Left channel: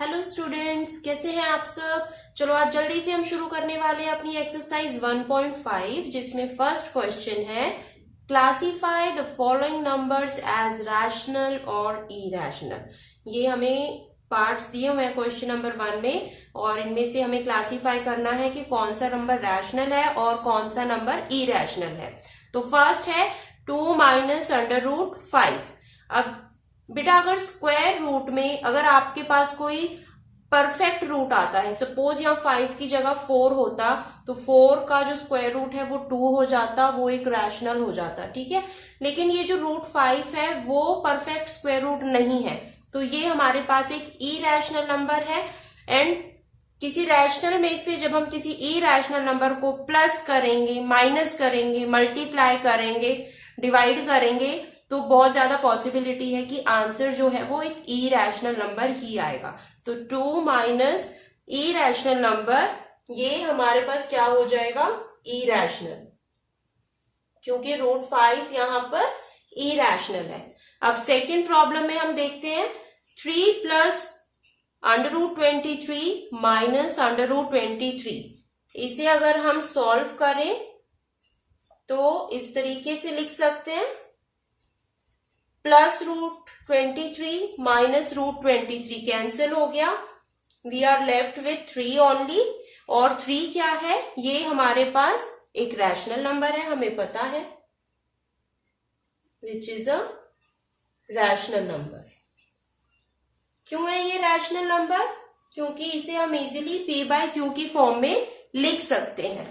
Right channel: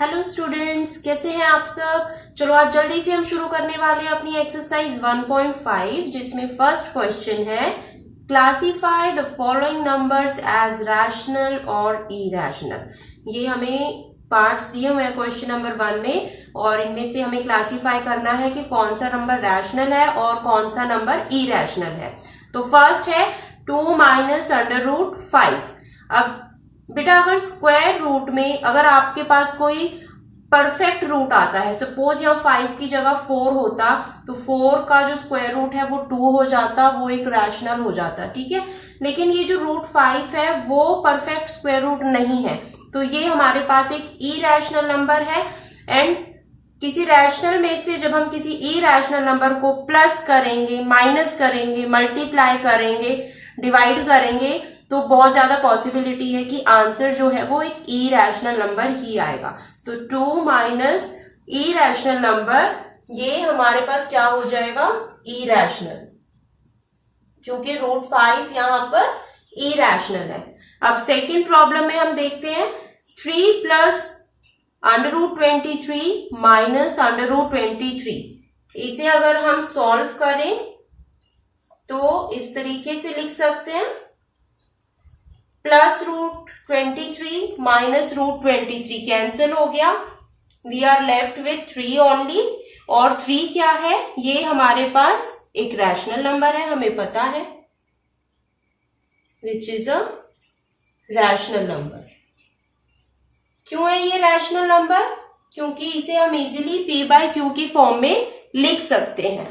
Hello students, कैसे हैं आप सब। चलो आज जल्दी से हम शुरू करने वाले हैं अपनी एक्सरसाइज 1.5 जिसमें फर्स्ट क्वेश्चन है classify the following numbers as rational और इरैशनल। ये हमें पार्ट्स दिए हुए हैं क्वेश्चन नंबर 1 में और इनमें से हमें क्लासीफाई करना है कि कौन सा नंबर रैशनल है और कौन सा नंबर इरैशनल है। तो फर्स्ट है 2 माइनस अंडर रूट 5। अब बेटा अगर स्क्वायर रूट में अगर आपके पास कोई परफेक्ट रूट आता है, सपोज यहाँ 5 की जगह 4 होता तो 4 का जो स्क्वायर रूट है वो 2 हो जाता, वो एक रैशनल हो जाता, ठीक है। लेकिन ये जो रूट 5 है वो परफेक्ट स्क्वायर रूट नहीं है, तो ये हमारे पास एक इरैशनल नंबर है। एंड किसी रैशनल में से जब हम किसी इरैशनल नंबर को प्लस करेंगे, माइनस करेंगे, मल्टीप्लाई करेंगे, डिवाइड करेंगे तो बहुत ज्यादा पॉसिबिलिटी है कि आंसर जो है वो एक इरैशनल नंबर ही आएगा। तो 2 माइनस इरैशनल नंबर ये हमारे पास क्या हो जाएगा, इरैशनल, क्योंकि रूट 5 यहां पर इरैशनल है। अब सेकेंड प्रॉब्लम में हम देखते हैं 3 plus under root 23 minus under root 23। इसे अगर हम सॉल्व करें तो इस तरीके से लिख सकते हैं plus root 23 minus root 23 cancel हो गया, we are left with 3 only. और 3 क्या है, ये हमारे पास एक रैशनल नंबर है, हमें पता है, which is a rational number. क्यों है ये रैशनल नंबर, क्योंकि इसे हम इजीली p बाय क्यू की फॉर्म में लिख सकते हैं।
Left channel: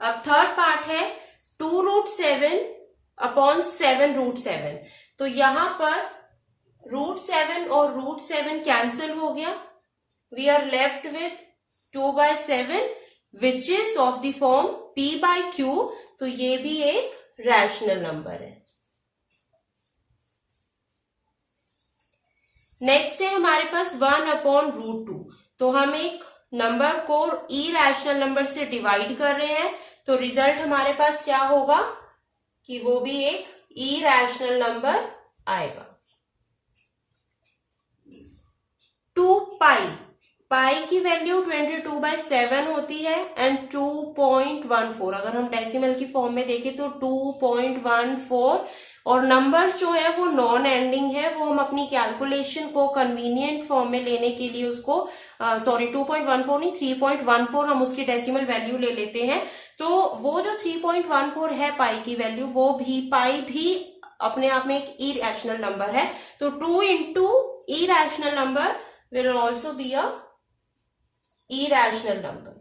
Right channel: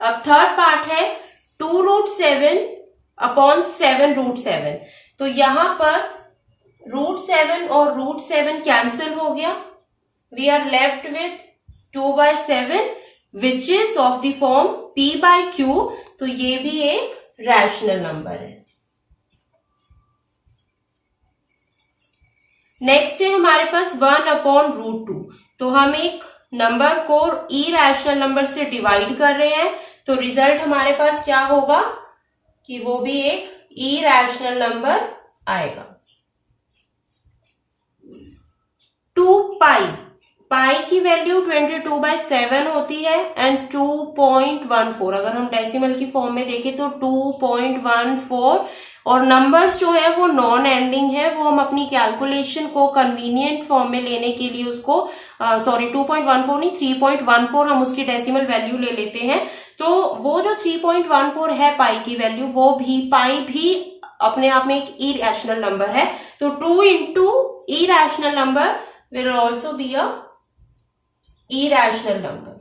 अब थर्ड पार्ट है 2 रूट 7 अपॉन 7 रूट 7। तो यहां पर रूट 7 और रूट 7 कैंसिल हो गया, we are left with 2 by 7 which is of the form p by q. तो ये भी एक रैशनल नंबर है। नेक्स्ट है हमारे पास 1 अपॉन रूट 2। तो हम एक नंबर को इरैशनल नंबर से डिवाइड कर रहे हैं, तो रिजल्ट हमारे पास क्या होगा कि वो भी एक इरैशनल नंबर आएगा। 2 पाई, पाई की वैल्यू 22/7 होती है एंड 2.14। अगर हम डेसिमल की फॉर्म में देखें तो 2.14। और नंबर्स जो है वो नॉन एंडिंग है, वो हम अपनी कैलकुलेशन को कन्वीनियंट फॉर्म में लेने के लिए उसको 2.14 नहीं 3.14 हम उसकी डेसिमल वैल्यू ले लेते हैं। तो वो जो 3.14 है पाई की वैल्यू, वो भी पाई भी अपने आप में एक इरैशनल नंबर है। तो 2 into irrational number will also be a irrational number,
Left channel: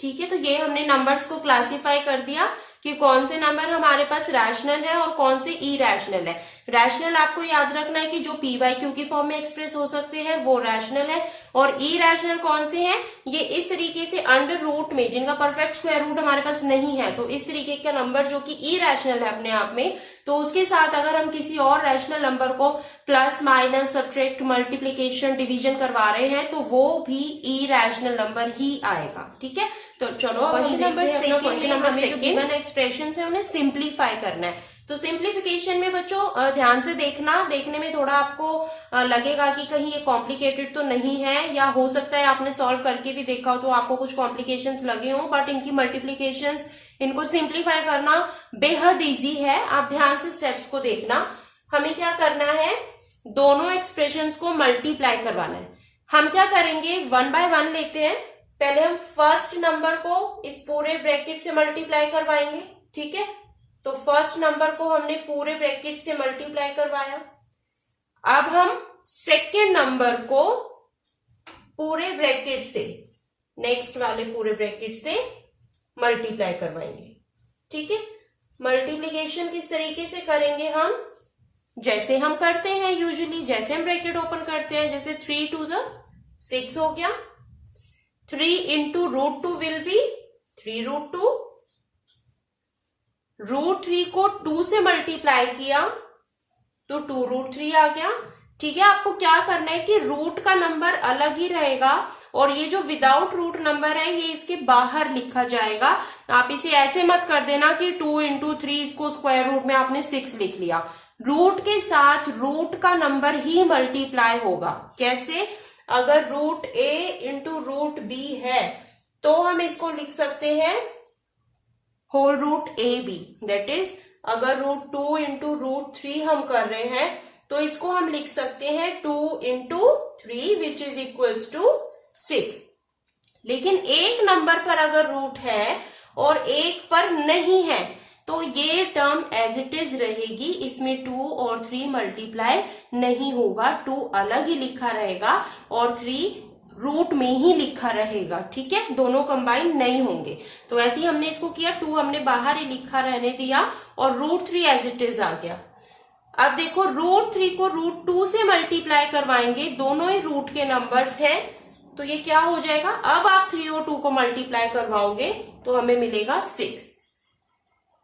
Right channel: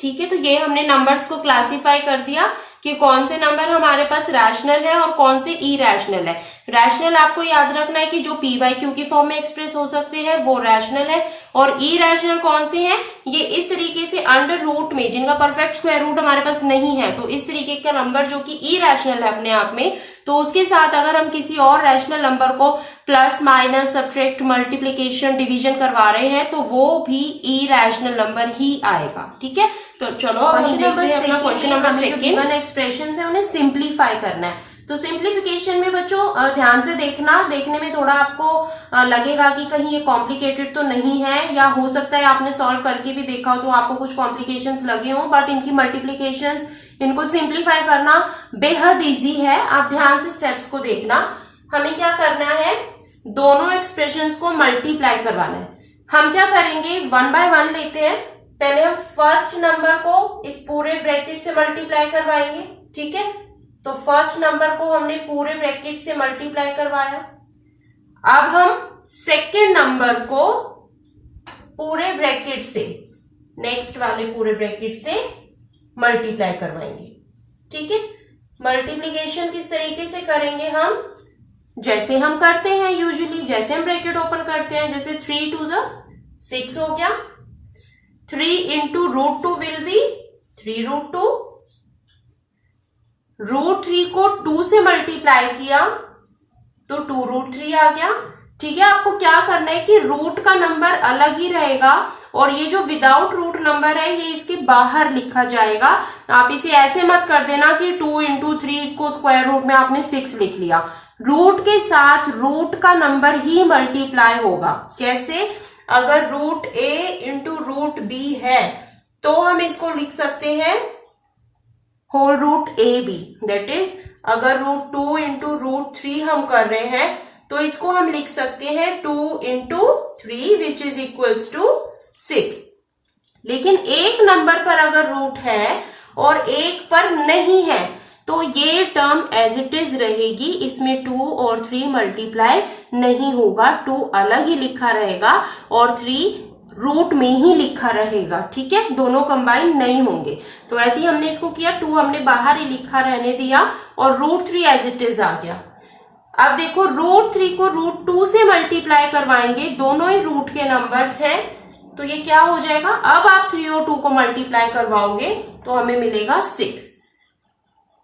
ठीक है। तो ये हमने नंबर्स को क्लासिफाई कर दिया कि कौन से नंबर हमारे पास रैशनल है और कौन से इरैशनल है। रैशनल आपको याद रखना है कि जो p बाय क्यू की फॉर्म में एक्सप्रेस हो सकते हैं वो रैशनल है, और इरैशनल कौन से हैं, ये इस तरीके से अंडर रूट में जिनका परफेक्ट स्क्वायर रूट हमारे पास नहीं है, तो इस तरीके का नंबर जो कि इरैशनल है अपने आप में, तो उसके साथ अगर हम किसी और रैशनल नंबर को plus minus subtract multiplication division करवा रहे हैं तो वो भी इरैशनल नंबर ही आएगा, ठीक है। तो चलो अब हम देखते हैं अपना क्वेश्चन नंबर सेकंड। एक्सप्रेशन है उन्हें सिंप्लीफाई करना है। तो सिंप्लीफिकेशन में बच्चों ध्यान से देखना, देखने में थोड़ा आपको लगेगा कि कहीं ये कॉम्प्लिकेटेड तो नहीं है, या हो सकता है आपने सॉल्व करके भी देखा हो तो आपको कुछ कॉम्प्लिकेशंस लगे हो, बट इनकी मल्टीप्लीकेशंस, इनको सिंप्लीफाई करना बेहद इजी है। आप ध्यान से स्टेप्स को देखना। हमें क्या करना है, दोनों एक्सप्रेशंस को मल्टीप्लाई करवाना है। हम क्या करेंगे, 1 बाय 1 लेते हैं। पहले हम फर्स्ट नंबर को इस पूरे ब्रैकेट से मल्टीप्लाई करवाएंगे, ठीक है। तो फर्स्ट नंबर को हमने पूरे ब्रैकेट से मल्टीप्लाई करवाया। अब हम सेकेंड नंबर को पूरे ब्रैकेट से, नेक्स्ट वाले पूरे ब्रैकेट से मल्टीप्लाई करवाएंगे, ठीक है। मल्टीप्लीकेशन किस तरीके से करेंगे, हम जैसे हम करते हैं यूजुअली, जैसे हम ब्रैकेट ओपन करते हैं, जैसे 3 2 6 हो गया, 3 into root 2 will be 3 root 2। Root 3 को 2 से मल्टीप्लाई किया तो 2 रूट 3 आ गया। ठीक है, आपको क्या करना है कि रूट का नंबर अलग ही रहेगा और ये जो विदाउट रूट नंबर है ये इसके बाहर लिखा जाएगा। आप इसे ऐसे मत कर देना कि 2 × 3 इसको स्क्वायर रूट में आपने 6 लिख लिया। रूट के साथ रूट का नंबर ही मल्टीप्लाई होगा। कैसे? अगर root a into root b है तो हम इसको लिख सकते हैं whole root a b. That is अगर रूट 2 इंटू रूट 3 हम कर रहे हैं तो इसको हम लिख सकते हैं 2 × 3 विच इज इक्वल्स टू 6। लेकिन एक नंबर पर अगर रूट है और एक पर नहीं है तो ये टर्म एज इट इज रहेगी, इसमें 2 और 3 मल्टीप्लाई नहीं होगा। 2 अलग ही लिखा रहेगा और 3 रूट में ही लिखा रहेगा। ठीक है, दोनों कंबाइन नहीं होंगे। तो ऐसे ही हमने इसको किया, 2 हमने बाहर ही लिखा रहने दिया और रूट 3 एज इट इज आ गया। अब देखो रूट 3 को रूट 2 से मल्टीप्लाई करवाएंगे, दोनों ही रूट के नंबर्स हैं, तो ये क्या हो जाएगा? अब आप 3 और 2 को मल्टीप्लाई करवाओगे तो हमें मिलेगा 6।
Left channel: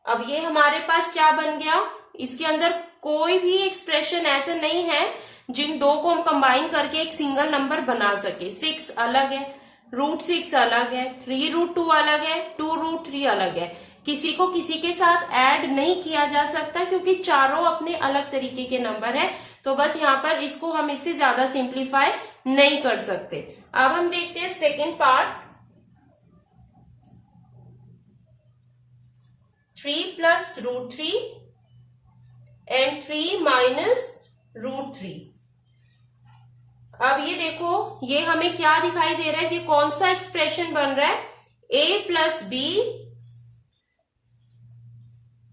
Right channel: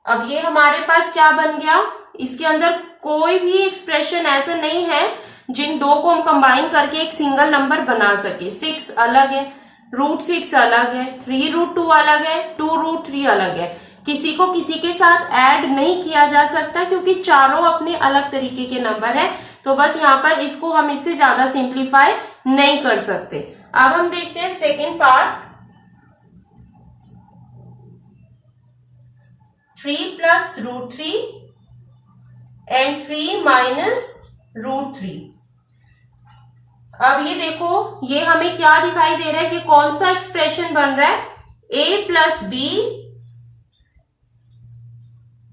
अब ये हमारे पास क्या बन गया? इसके अंदर कोई भी एक्सप्रेशन ऐसा नहीं है जिन दो को हम कंबाइन करके एक सिंगल नंबर बना सके। 6 अलग है, रूट 6 अलग है, 3 रूट 2 अलग है, 2 रूट 3 अलग है। किसी को किसी के साथ ऐड नहीं किया जा सकता क्योंकि चारों अपने अलग तरीके के नंबर हैं। तो बस यहाँ पर इसको हम इससे ज्यादा सिंप्लीफाई नहीं कर सकते। अब हम देखते हैं second part. 3 plus root 3 and 3 minus root 3। अब ये देखो, ये हमें क्या दिखाई दे रहा है कि कौन सा एक्सप्रेशन बन रहा है? a plus b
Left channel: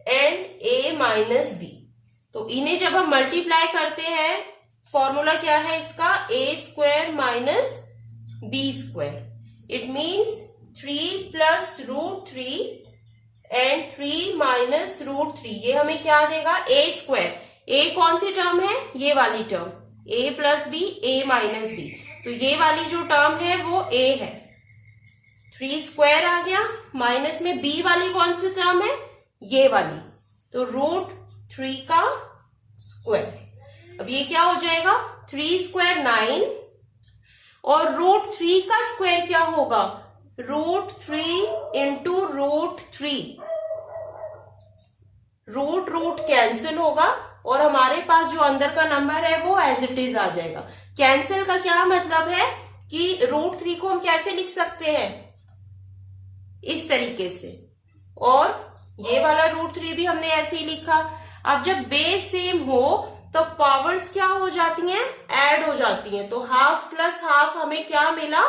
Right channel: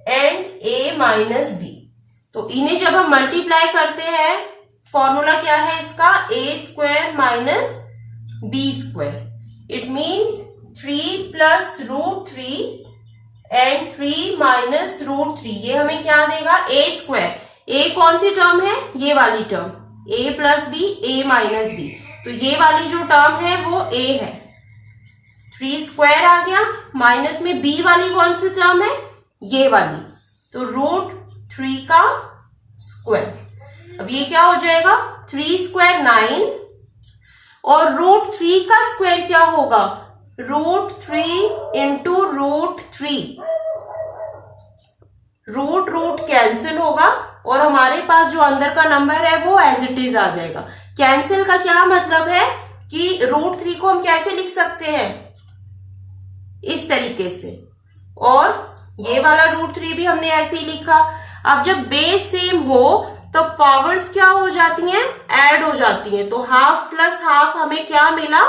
and a minus b. तो इन्हें जब हम मल्टीप्लाई करते हैं, फॉर्मूला क्या है इसका? a² minus b²। It means 3 plus root 3 and 3 minus root 3। ये हमें क्या देगा? a²। a कौन सी टर्म है? ये वाली term, a plus b, a minus b. तो ये वाली जो टर्म है वो a है, 3² आ गया। माइनस में b वाली कौन सी टर्म है? ये वाली, तो रूट 3 का स्क्वायर। अब ये क्या हो जाएगा? 3² 9 और रूट 3 का स्क्वायर क्या होगा? Root 3 into root 3। Root root cancel होगा और हमारे पास जो अंदर का नंबर है वो एज इट इज आ जाएगा। कैंसिल का क्या मतलब है कि रूट 3 को हम कैसे लिख सकते हैं? इस तरीके से, और ये वाला रूट 3 भी हमने ऐसे ही लिखा। अब जब बेस सेम हो तो पावर्स क्या हो जाती हैं? ऐड हो जाती हैं। तो हाफ प्लस हाफ हमें क्या मिला?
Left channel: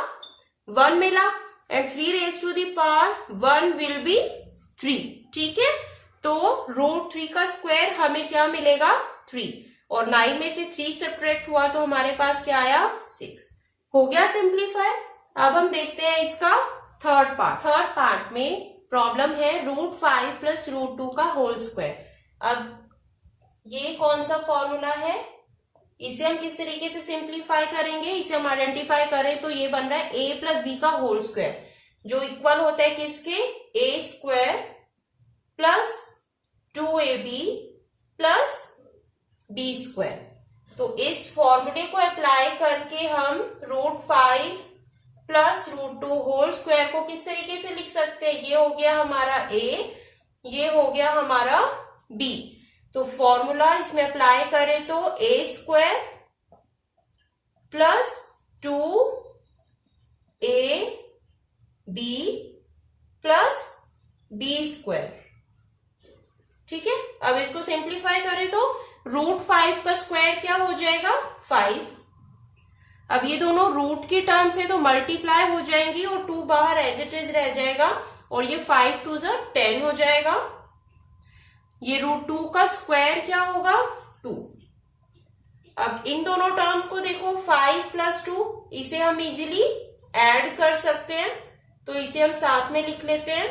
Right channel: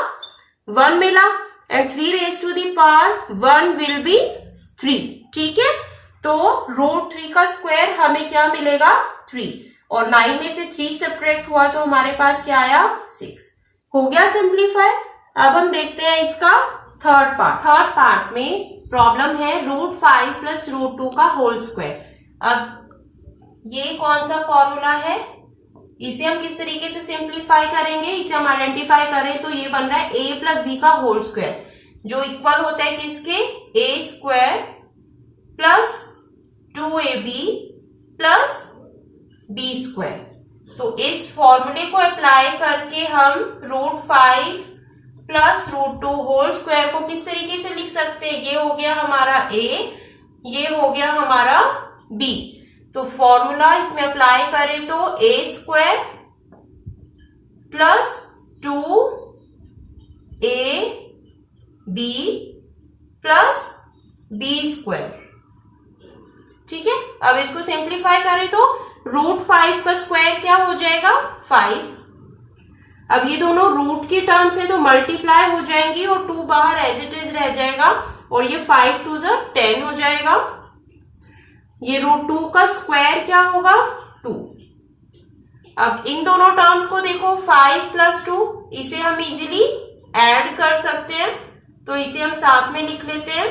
1 मिला and 3 raise to the power 1 will be 3। ठीक है, तो रूट 3 का स्क्वायर हमें क्या मिलेगा? 3। और 9 में से 3 सब्ट्रैक्ट हुआ तो हमारे पास क्या आया? 6। हो गया सिंप्लीफाई। अब हम देखते हैं इसका थर्ड पार्ट। थर्ड पार्ट में प्रॉब्लम है रूट 5 प्लस रूट 2 का होल स्क्वायर। अब ये कौन सा फॉर्मूला है? इसे हम किस तरीके से सिंप्लीफाई करेंगे? इसे हम आइडेंटिफाई करें तो ये बन रहा है a प्लस बी का होल स्क्वायर, जो इक्वल होता है किसके? a² plus 2ab plus b²। तो इस फॉर्मूले को अप्लाई करके हम root 5 plus root 2 whole square को किस तरीके से लिख सकते हैं? ये हो गया हमारा a, ये हो गया हमारा b। तो फॉर्मूला इसमें अप्लाई करें तो a² plus 2ab plus b²। ठीक है, अब इसको सिंप्लीफाई करें तो रूट 5 का स्क्वायर क्या हो जाएगा? 5। अब ये दोनों रूट की टर्म्स है तो मल्टीप्लाई हो जाएंगी और 2 बाहर एज इट इज रह जाएगा और ये 5 2 10 हो जाएगा। ये रूट 2 का स्क्वायर क्या होगा? 2। अब इन दोनों टर्म्स को देखो, 5 प्लस 2, इसे हम इजीली ऐड कर सकते हैं तो इसे हम साथ में लिख लेते हैं।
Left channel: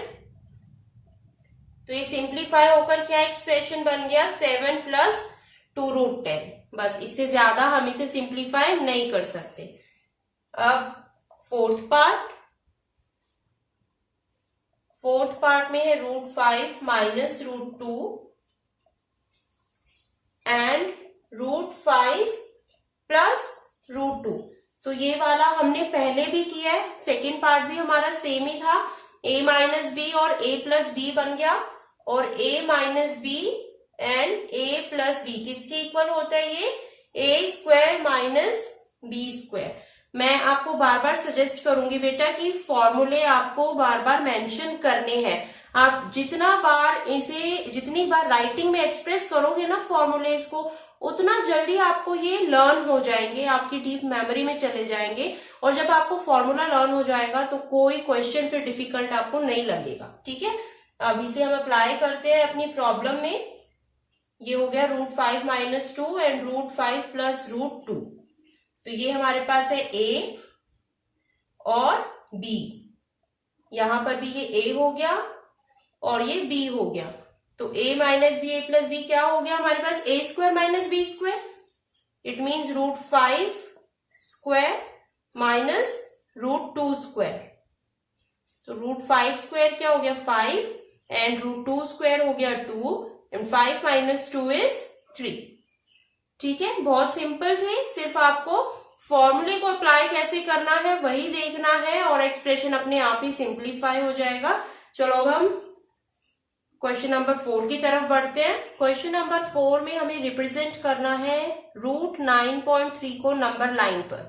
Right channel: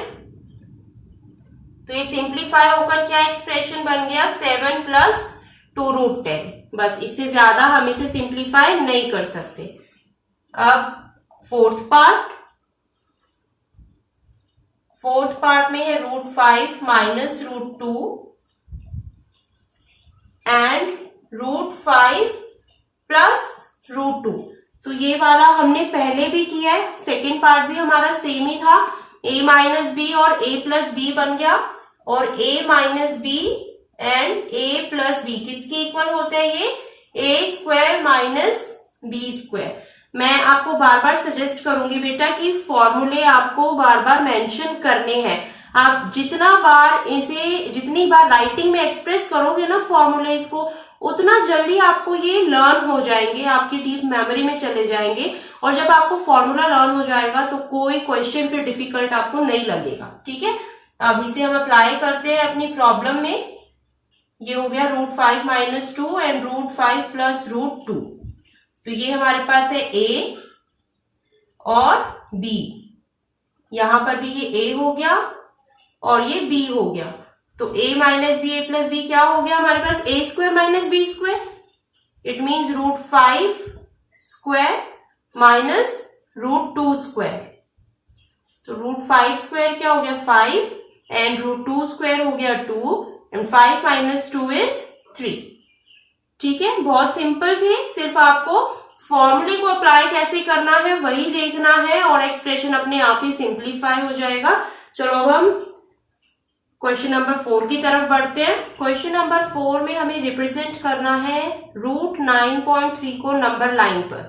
तो ये सिंप्लीफाई होकर क्या एक्सप्रेशन बन गया? 7 प्लस 2 रूट 10। बस, इससे ज्यादा हम इसे सिंप्लीफाई नहीं कर सकते। अब फोर्थ पार्ट में है root 5 minus root 2 and root 5 plus √2। तो ये वाला हमने पहले भी किया है, सेकेंड पार्ट भी हमारा सेम ही था। a माइनस बी और a प्लस बी बन गया, और a minus b and a plus b किसके इक्वल होते हैं? ये a square minus b square. मैं आपको बार बार सजेस्ट करूंगी बेटा कि फॉर्मूले आपको बार बार मेंशन करने हैं। आप जितनी बार राइटिंग में एक्सप्रेस करोगे ना फॉर्मूलेज को, उतना जल्दी आपको ये लर्न हो जाएंगे, आपकी डीप मेमोरी में चले जाएंगे। और जब आपको फॉर्मूला लर्न हो जाएगा तो कोई क्वेश्चन फिर डिफिकल्ट आपको नहीं लगेगा। ठीक है, अब इसे हम अप्लाई करते हैं अपनी प्रॉब्लम में। ये हो गया √5 माइनस 2 एंड √5 प्लस √2। तो ये हमारे पास है a और b, यहां पर भी ये a हो गया और ये b हो गया। तो a minus b, a plus b क्या हो गया हमारे पास? a square minus b square. It means √5 square minus √2 square. तो √5 स्क्वायर क्या हो गया? 5 एंड √2 स्क्वायर हो गया 2 एंड 5 माइनस 2 इज 3। ठीक है, बहुत सिंपल थे, सिर्फ आपको फॉर्मूले को अप्लाई कैसे करना है वही देखना है और एक्सप्रेशन अपने आप ही सिंप्लीफाई हो जाएगा। चलो अब हम क्वेश्चन नंबर 4 की तरफ बढ़ते हैं। क्वेश्चन नंबर 4 में हमें रिप्रेजेंट करना है √9.3 को नंबर लाइन पर।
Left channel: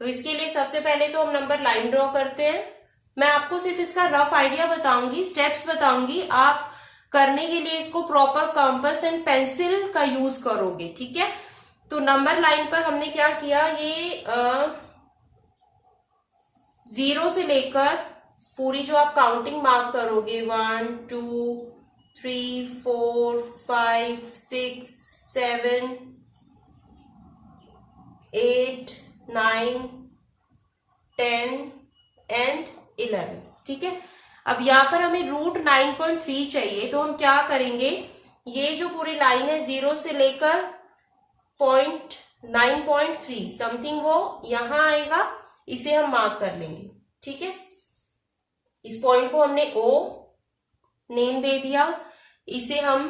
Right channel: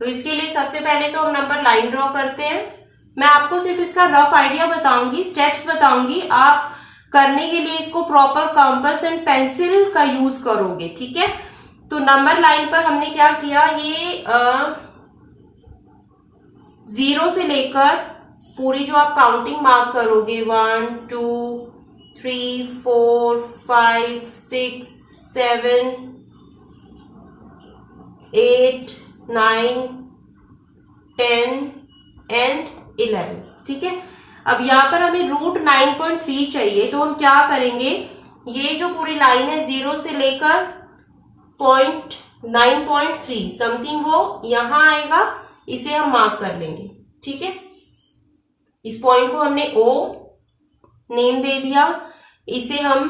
तो इसके लिए सबसे पहले तो हम नंबर लाइन ड्रॉ करते हैं। मैं आपको सिर्फ इसका रफ आइडिया बताऊंगी, स्टेप्स बताऊंगी, आप करने के लिए इसको प्रॉपर कंपास एंड पेंसिल का यूज करोगे। ठीक है, तो नंबर लाइन पर हमने क्या किया, ये 0 से लेकर पूरी जो आप काउंटिंग मार्क करोगे 1 2 3 4 5 6 7 8 9 10 एंड 11। ठीक है, अब यहां पर हमें √9.3 चाहिए। तो हम क्या करेंगे, ये जो पूरी लाइन है 0 से लेकर 9.3 समथिंग वो यहां आएगा, इसे हम मार्क कर लेंगे। ठीक है, इस पॉइंट को हमने O नेम दे दिया, इसे हम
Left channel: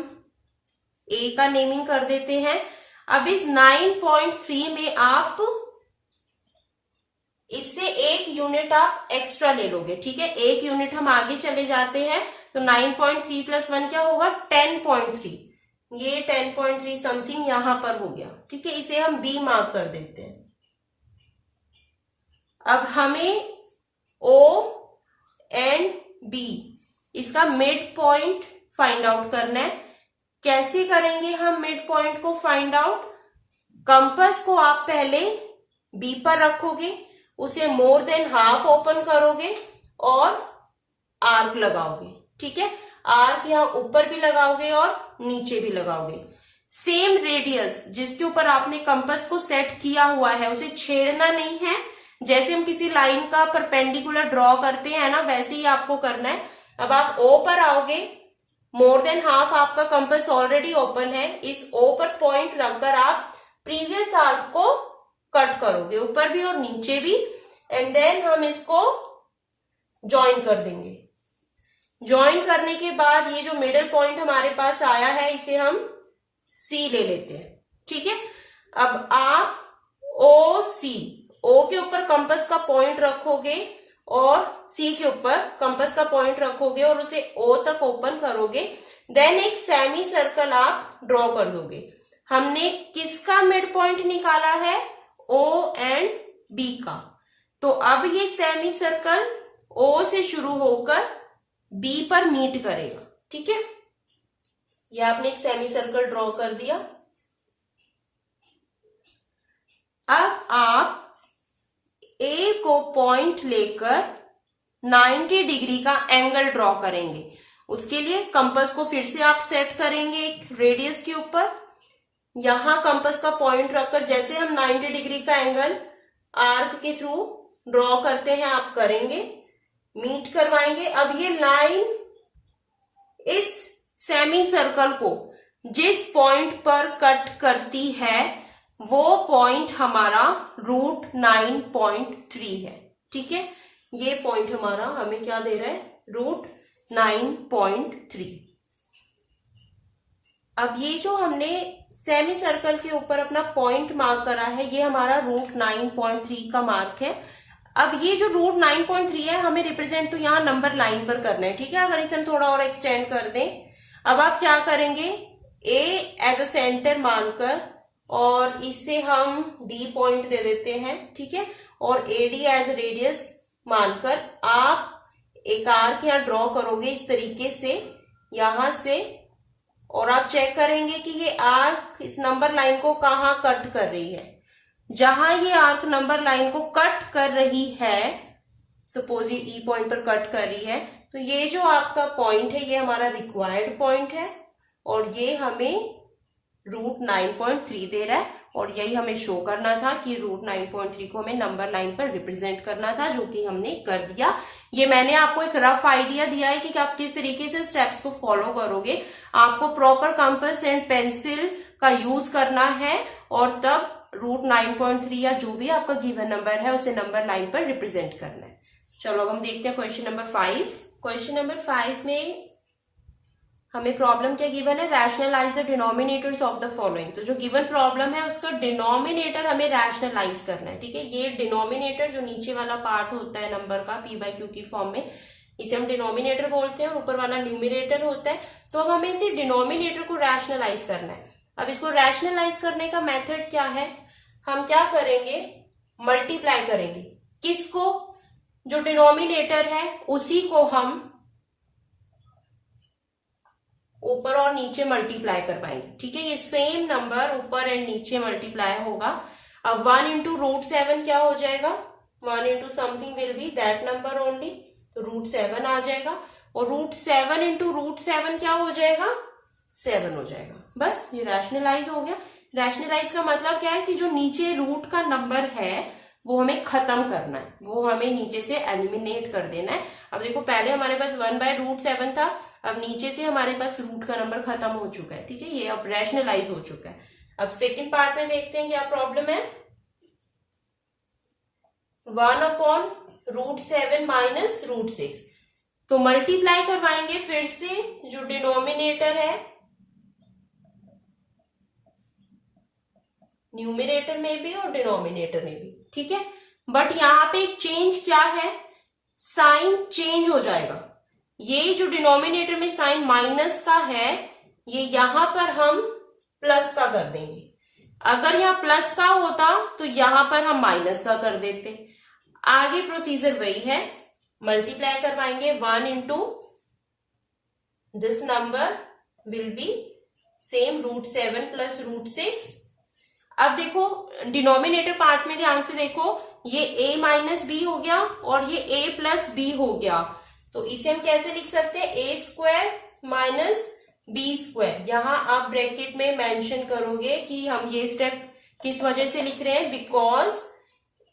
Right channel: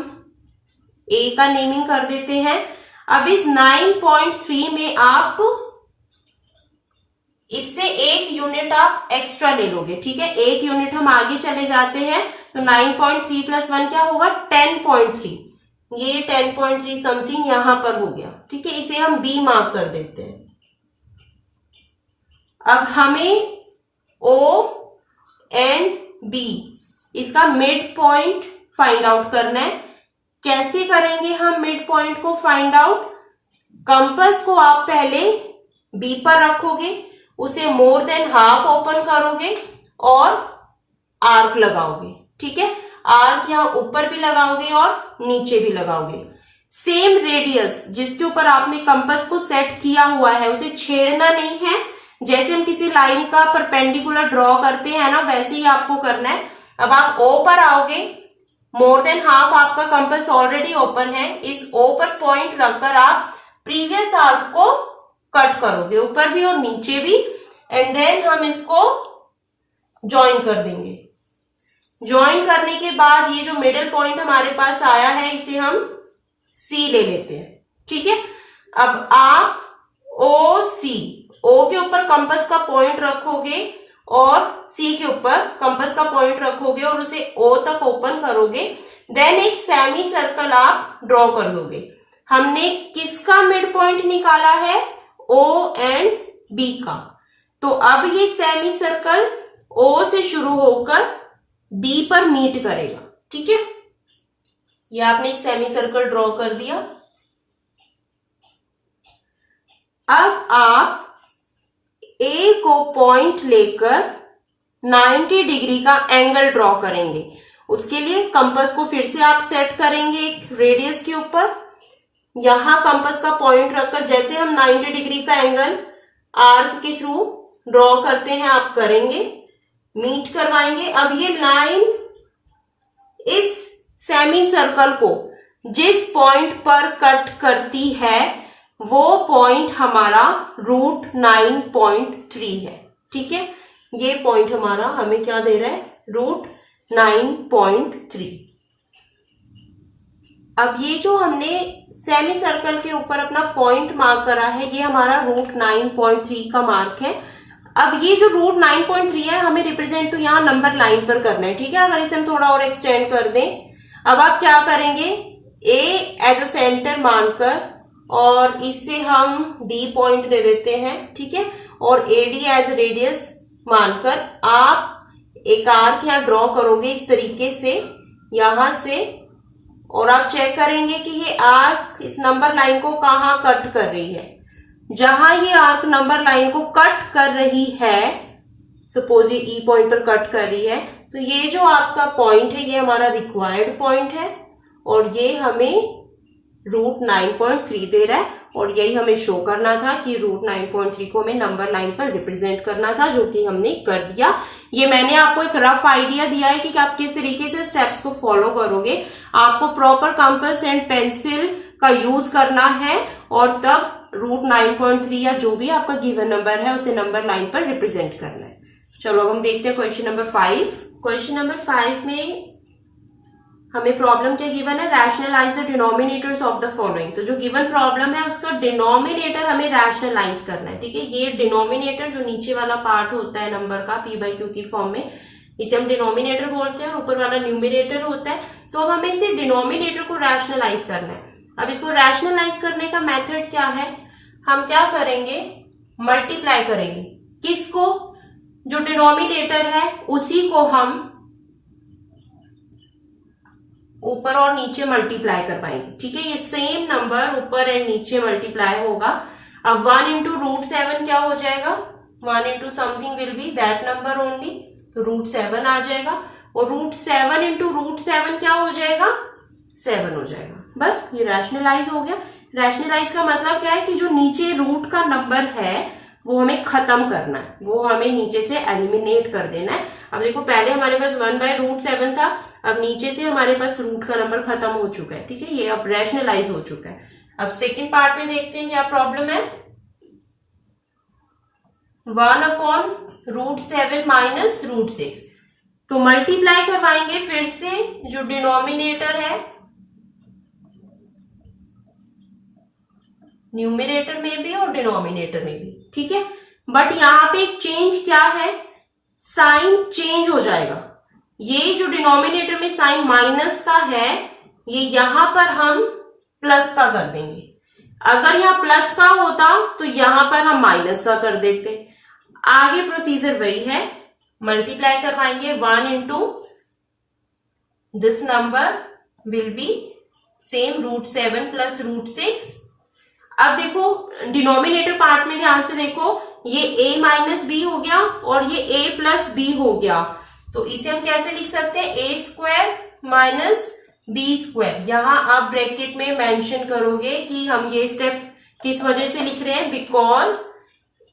A का नेमिंग कर देते हैं। अब इस 9.3 में आप इससे 1 यूनिट आप एक्स्ट्रा ले लोगे। ठीक है, 1 यूनिट हम आगे चले जाते हैं। तो 9.3 प्लस 1 क्या होगा? 10.3। ये 10.3 समथिंग यहां पर हो गया। ठीक है, इसे हम B मार्क कर देते हैं। अब हमें O एंड B इसका मिड पॉइंट फाइंड आउट करना है। कैसे करेंगे हम मिड पॉइंट को फाइंड आउट? कंपास को आप पहले B पर रखोगे, उसे मोर देन हाफ ओपन करोगे और आर्क लगाओगे। ठीक है, आर्क यहां ऊपर भी लगाओगे और नीचे भी लगाओगे। सेम रेडियस जिसके ऊपर आपने कंपास को सेट किया हुआ है उसे छेड़ना नहीं है। जैसे हम किसी लाइन का परपेंडिकुलर ड्रॉ करते हैं ना, वैसे ही आपको करना है। अब आप O पर आओगे, मोर देन हाफ आपका कंपास ऑलरेडी ओपन है, इस O पर पॉइंट रखकर आप प्रीवियस आर्क को कट करोगे, ऊपर भी और नीचे भी, एंड देन हम इसको ज्वाइन कर देंगे। ज्वाइन करने के बाद ये जो मिडिल पॉइंट हमारे पास आया है इसे हम C ले लेते हैं। ठीक है, अब आप O के ऊपर कंपास का पॉइंट रखोगे और C के ऊपर कंपास का पॉइंट रखोगे और उसे O तक ओपन करोगे। देन एक सेमी सर्कल आप ड्रॉ कर दोगे। हमने किसका मिड पॉइंट निकाला है? O एंड B का। तो अब ये सेमी सर्कल O से शुरू होकर B पर मीट करेगा। ठीक है, ये आपने एक सेमी सर्कल ड्रॉ कर दिया। अब आप A को पॉइंट लेकर 90 डिग्री का एंगल ड्रॉ करेंगे। उसके लिए कंपास को फिर से आप सेट करेंगे एक रेडियस के ऊपर। यहां कंपास का पॉइंट रखकर जैसे हम 90 डिग्री का एंगल आर्क के थ्रू ड्रॉ करते हैं आप करेंगे, मीट करवाएंगे। अब ये लाइन इस सेमी सर्कल को जिस पॉइंट पर कट करती है वो पॉइंट हमारा √9.3 है। ठीक है, ये पॉइंट हमारा हमें क्या दे रहा है? √9.3। अब ये जो हमने सेमी सर्कल के ऊपर अपना पॉइंट मार्क करा है, ये हमारा रूट 9.3 का मार्क है। अब ये जो रूट 9.3 है हमें रिप्रेजेंट तो यहाँ नंबर लाइन पर करना है, ठीक है। अगर इसे हम थोड़ा और एक्सटेंड कर दें, अब आप क्या करेंगे, ए एज अ सेंटर मानकर और इसे हम डी पॉइंट दे देते हैं, ठीक है, और ए डी एज रेडियस मानकर आप एक आर्क यहाँ ड्रॉ करोगे इस तरीके से यहां से, और आप चेक करेंगे कि ये आर्क इस नंबर लाइन को कहाँ कट कर रही है। जहां ये आर्क नंबर लाइन को कट कर रही है, सपोज ये ई पॉइंट पर कट कर रही है, तो ये जो आपका पॉइंट है ये हमारा रिक्वायर्ड पॉइंट है और ये हमें रूट 9.3 दे रहा है, और यही हमें शो करना था कि रूट 9.3 को हमें नंबर लाइन पर रिप्रेजेंट करना था, जो कि हमने कर दिया। ये मैंने आपको एक रफ आइडिया दिया है कि आप किस तरीके से स्टेप्स को फॉलो करोगे। आपको प्रॉपर कंपास एंड पेंसिल का यूज करना है और तब रूट 9.3 या जो भी आपका गिवन नंबर है उसे नंबर लाइन पर रिप्रेजेंट करना है। चलो अब हम देखते हैं क्वेश्चन नंबर 5। क्वेश्चन नंबर 5 में हमें प्रॉब्लम क्या गिवन है, rationalise the denominators of the following. तो जो गिवन प्रॉब्लम है उसका डिनोमिनेटर हमें रैशनलाइज करना है, ठीक है। ये डिनोमिनेटर जो नीचे वाला पार्ट होता है नंबर का पी बाई क्यू की फॉर्म में, इसे हम डिनोमिनेटर बोलते हैं और ऊपर वाला न्यूमिनेटर होता है। तो अब हमें इसे डिनोमिनेटर को रैशनलाइज करना है। अब इसको रैशनलाइज करने का मेथड क्या है, हम क्या करेंगे, मल्टीप्लाई करेंगे। किसको, जो डिनोमिनेटर है उसी को हम ऊपर और नीचे मल्टीप्लाई कर पाएंगे, ठीक है। ये सेम नंबर ऊपर एंड नीचे मल्टीप्लाई होगा। अब 1 इंटू रूट 7 क्या हो जाएगा, 1 into something will be that number only, तो रूट 7 आ जाएगा। और रूट 7 इंटू रूट 7 क्या हो जाएगा, 7 हो जाएगा। बस ये रैशनलाइज हो गया। रैशनलाइज का मतलब क्या है कि जो नीचे रूट का नंबर है वो हमें खत्म करना है, वो हमें नीचे से एलिमिनेट कर देना है। अब देखो पहले हमारे पास 1/√7 था, अब नीचे से हमारे पास रूट का नंबर खत्म हो चुका है, ठीक है, ये अब रैशनलाइज हो चुका है। अब सेकंड पार्ट में देखते हैं क्या प्रॉब्लम है। 1/√7 माइनस √6, तो मल्टीप्लाई करवाएंगे फिर से जो डिनोमिनेटर है न्यूमिनेटर में भी और डिनोमिनेटर में भी, ठीक है। बट यहां पे एक चेंज क्या है, साइन चेंज हो जाएगा। ये जो डिनोमिनेटर में साइन माइनस का है ये यहां पर हम प्लस का कर देंगे। अगर यहां प्लस का होता तो यहां पर हम माइनस का कर देते। आगे प्रोसीजर वही है, मल्टीप्लाई करवाएंगे 1 into this number will be same √7 plus √6। अब देखो डिनोमिनेटर पार्ट में ध्यान से देखो, ये a माइनस बी हो गया और ये a प्लस बी हो गया, तो इसे हम कैसे लिख सकते हैं, a² माइनस b²। यहां आप ब्रैकेट में मेंशन करोगे कि हम ये स्टेप किस वजह से लिख रहे हैं, because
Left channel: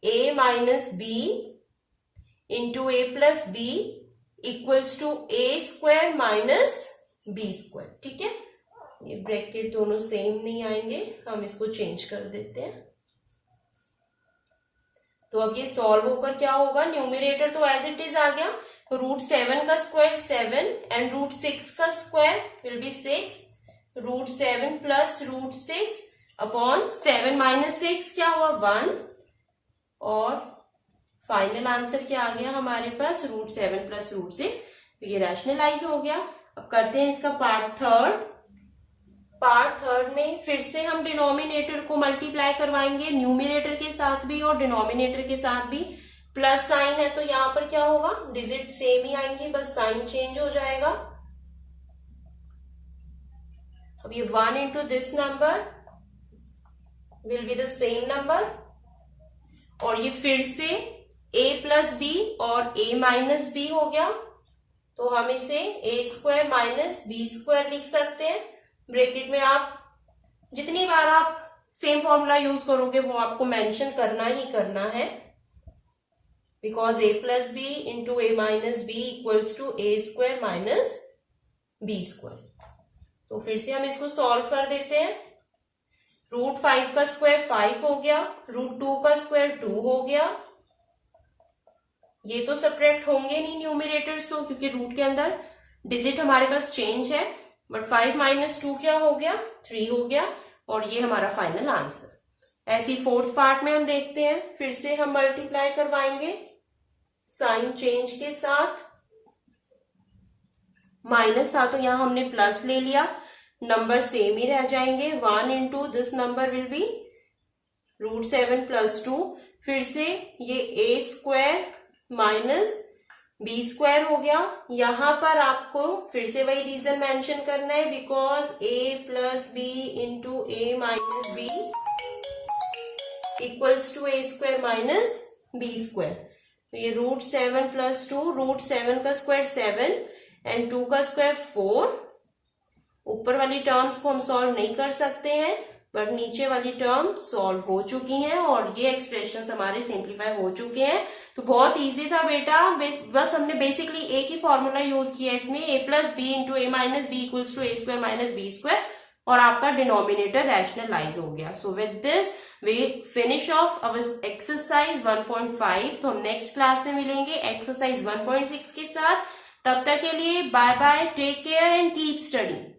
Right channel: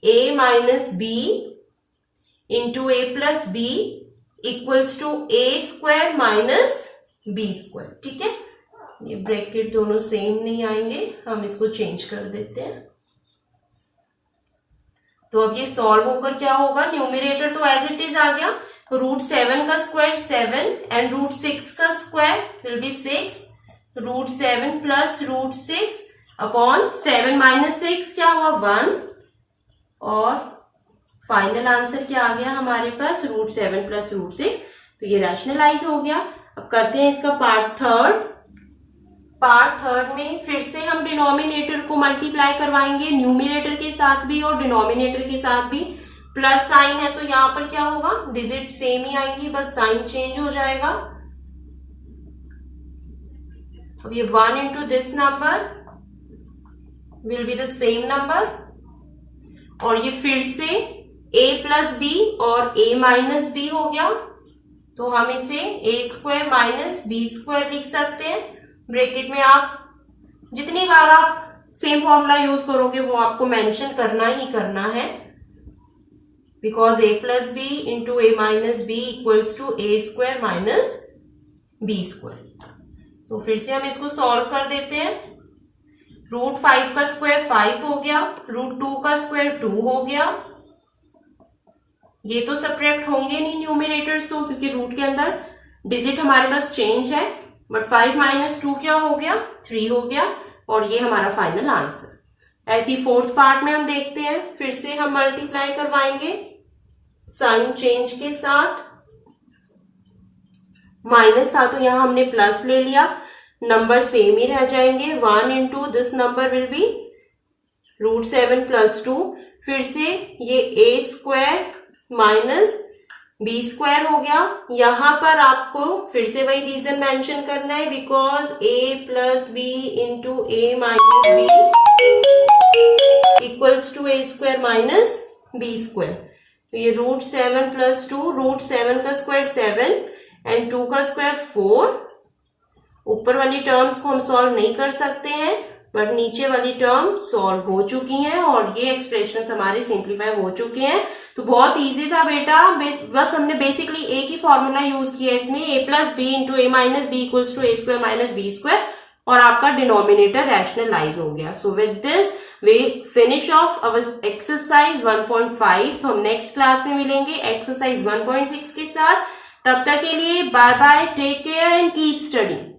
a minus b into a plus b equals to a² minus b², ठीक है। ये ब्रैकेट दोनों सेम नहीं आएंगे, हम इसको चेंज कर देते हैं। तो अब ये सॉल्व होकर क्या होगा, न्यूमिनेटर तो एज इट इज आ गया, √7 का स्क्वायर 7 एंड √6 का square will be 6, √7 plus √6 upon 7 minus 6 क्या हुआ 1, और फाइनल आंसर क्या आ गया हमारे पास √7 प्लस √6। तो ये रैशनलाइज हो गया। अब करते हैं इसका पार्ट थर्ड में फिर से हम डिनोमिनेटर को मल्टीप्लाई करवाएंगे, न्यूमिनेटर के साथ भी और डिनोमिनेटर के साथ भी। प्लस साइन है तो यहां पर क्या होगा, डिजिट सेम ही आएंगी, बस साइन चेंज हो जाएगा। अब ये 1 into this number will be the same number, और ये फिर से a प्लस बी और a माइनस बी हो गया, तो हम इसे a² माइनस b² लिख सकते हैं। ब्रैकेट में आप जितनी बार आप सेम फॉर्मूला यूज करोगे वो आपको मेंशन करना ही करना है, because a plus b into a minus b equals to a² minus b²। तो फिर से हम इसको सॉल्व कर देते हैं। √5 का स्क्वायर 5 हो गया, √2 का स्क्वायर 2 हो गया। ये तो सब्ट्रैक्ट होंगे नहीं न्यूमिनेटर्स तो, क्योंकि रूट के अंदर डिजिट हमारे पास चेंज है। बट 5 माइनस 2 क्या हो गया, 3 हो गया, और ये हमारा फाइनल आंसर। ऐसी फोर्थ पार्ट में हम देखते हैं, फिर से हम मल्टीप्लाई करवाएंगे साइन चेंज के साथ। माइनस था तो यहां हमने प्लस ले लिया, नंबर सेम ही रह जाएंगे। 1 into this number will be √7 + 2, फिर से ये a² माइनस b² हो गया। यहां पर आपको फिर से वही रीजन मेंशन करना है, because a + b into a minus b equals to a² minus b²। तो ये √7 + 2, √7 का स्क्वायर 7 एंड 2 का स्क्वायर 4। ऊपर वाली टर्म्स को हम सॉल्व नहीं कर सकते हैं, बट नीचे वाली टर्म सॉल्व हो चुकी हैं और ये एक्सप्रेशन हमारे सिंप्लीफाई हो चुके हैं। तो बहुत इजी था बेटा, बस हमने बेसिकली एक ही फॉर्मूला यूज किया इसमें, a + b into a minus b equals to a² minus b², और आपका डिनोमिनेटर रैशनलाइज हो गया। So with this we finish off our exercise 1.5। तो हम नेक्स्ट क्लास में मिलेंगे एक्सरसाइज 1.6 के साथ। तब तक के लिए bye bye, take care and keep studying.